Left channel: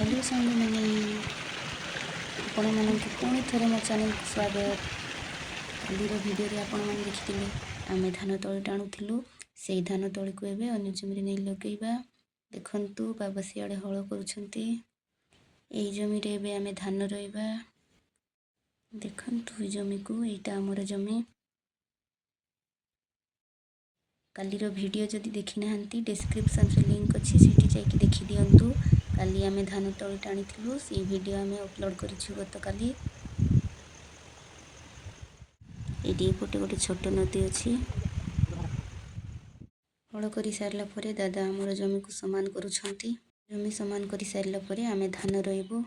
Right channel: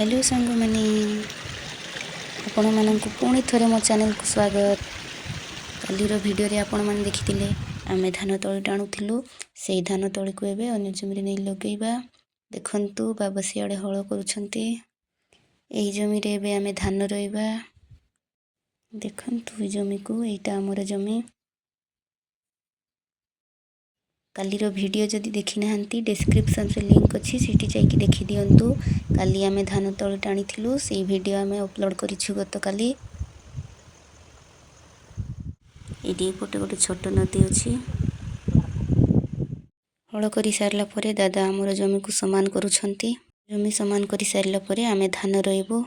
Hello सांग मैंने आपण मानक पुणी थरे मो चैनल को स्वागत। कालीर वीडियो रे आपण मैंने देखिथिले आमे धान तଳି टाणुथिलु सेई धान तଳି को एबे अन्य जमी नहीं लगेइबा। देखंतु बाबा सियाड़े हळ करूछंती एई जमी रे एबे आमे धान रोइबा। देखंतु जमी को एटा हमर जमी। कालीर वीडियो जदि देखि नाहंती डिस्क्रिप्शन रे लिंक अछि सेठी जाईकी देखि दियंतु। काली आमे धान तଳି टाणीथिलु सेई वीडियो आमे अपलोड करिछु गत काली। एडी पोटे गोटे छोट नदी अछि। हळ करि सारला परे दादा हमर जमी को समान करूछंती। जमी समान करि सारला परे आमे धान रोइबो।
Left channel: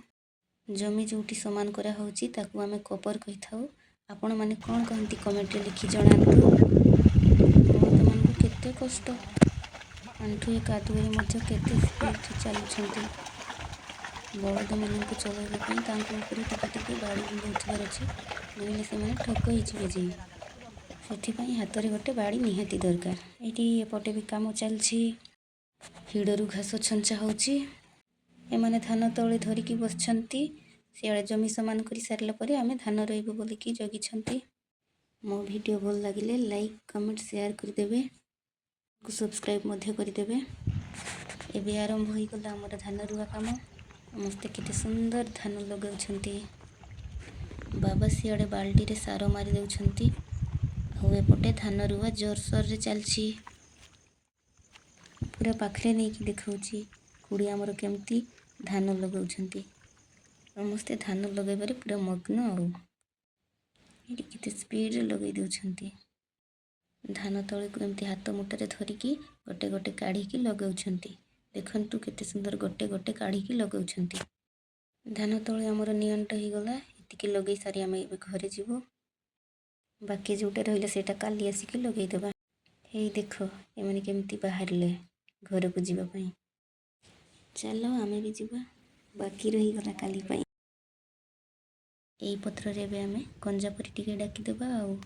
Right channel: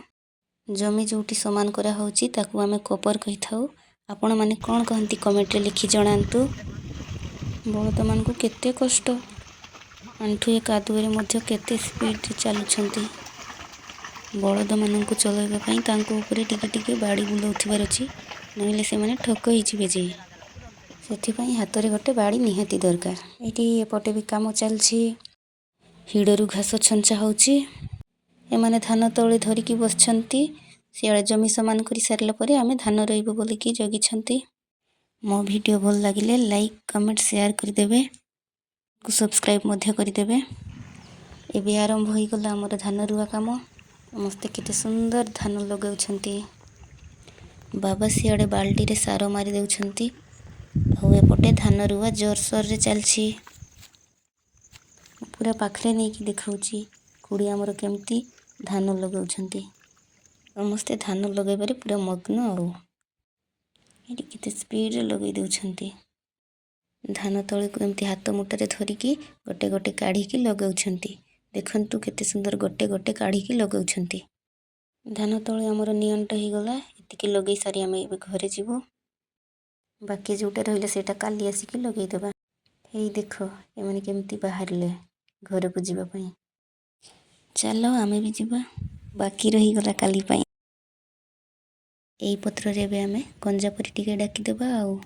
जमी जोटी समान करा होउची ताकू आमे कोपर कहिथाउ। आपण माने कोन कहंती कमेंट रे लिखि जणांतु। बळद मान को केते कष्ट आंठुए कादुरे मध्य केते स्पीड चलुछंती। बळद मान को चलाइबा पई तांको ऊपर टिके टिके बाड़ी बुलाउथिबार अछि नहिले से माने ठक हिजिबे जे सेथि पई हातरे गोटे बाड़ी निहाती दरकार। एठी एपटे भी काम चलछि हिडरू घास छंचा होउची। ए माने धान तळे धरिकी बसछंती सियाळे जमी समान करि सारला परे आमे धान रोइबो बोली की जगिछंती। मो वीडियो भल लागिले लाइक कमेंट शेयर कर देबे को सब्सक्राइब मध्य कर देबे। एबे आरंभ होई गला हमर धान रुआ काम। समस्त केते सुंदर धान लगाउछंती। बाबा सियाड़े बाल्टी रे सारो मारी देउछंती। हो एपटे धान रुआ जोरसोर रे चलछि। पूरा पाखरे नै की देखाउची कुड़ी हमर केमती धान लगाउछंती। समस्त धान लगाइबारे पूरा मग्न आउ एटी केते स्पीड रे लगाई देउछंती। धान तळे को एमती हाथ मुठारे धरिकी गोटे गोटे काढ़ी की लगाउछंती। देखंतु केते सुंदर गोटे गोटे काढ़ी की लगाउछंती। धान तळे हमर नियंट ही गला एतिकी लगै सारी आमे एबे घरे जीवो। बाकी जोटा रहिले सेटा काली आसी की लगै देबा। हेई देखो ए माने केमती बाहरले घर को जीवा पई। चलो आमे भी जीवा बाकी रही गला काली पई। एई पत्र रे एबे आमे कंजा परी टिके डाकी देबा आउ।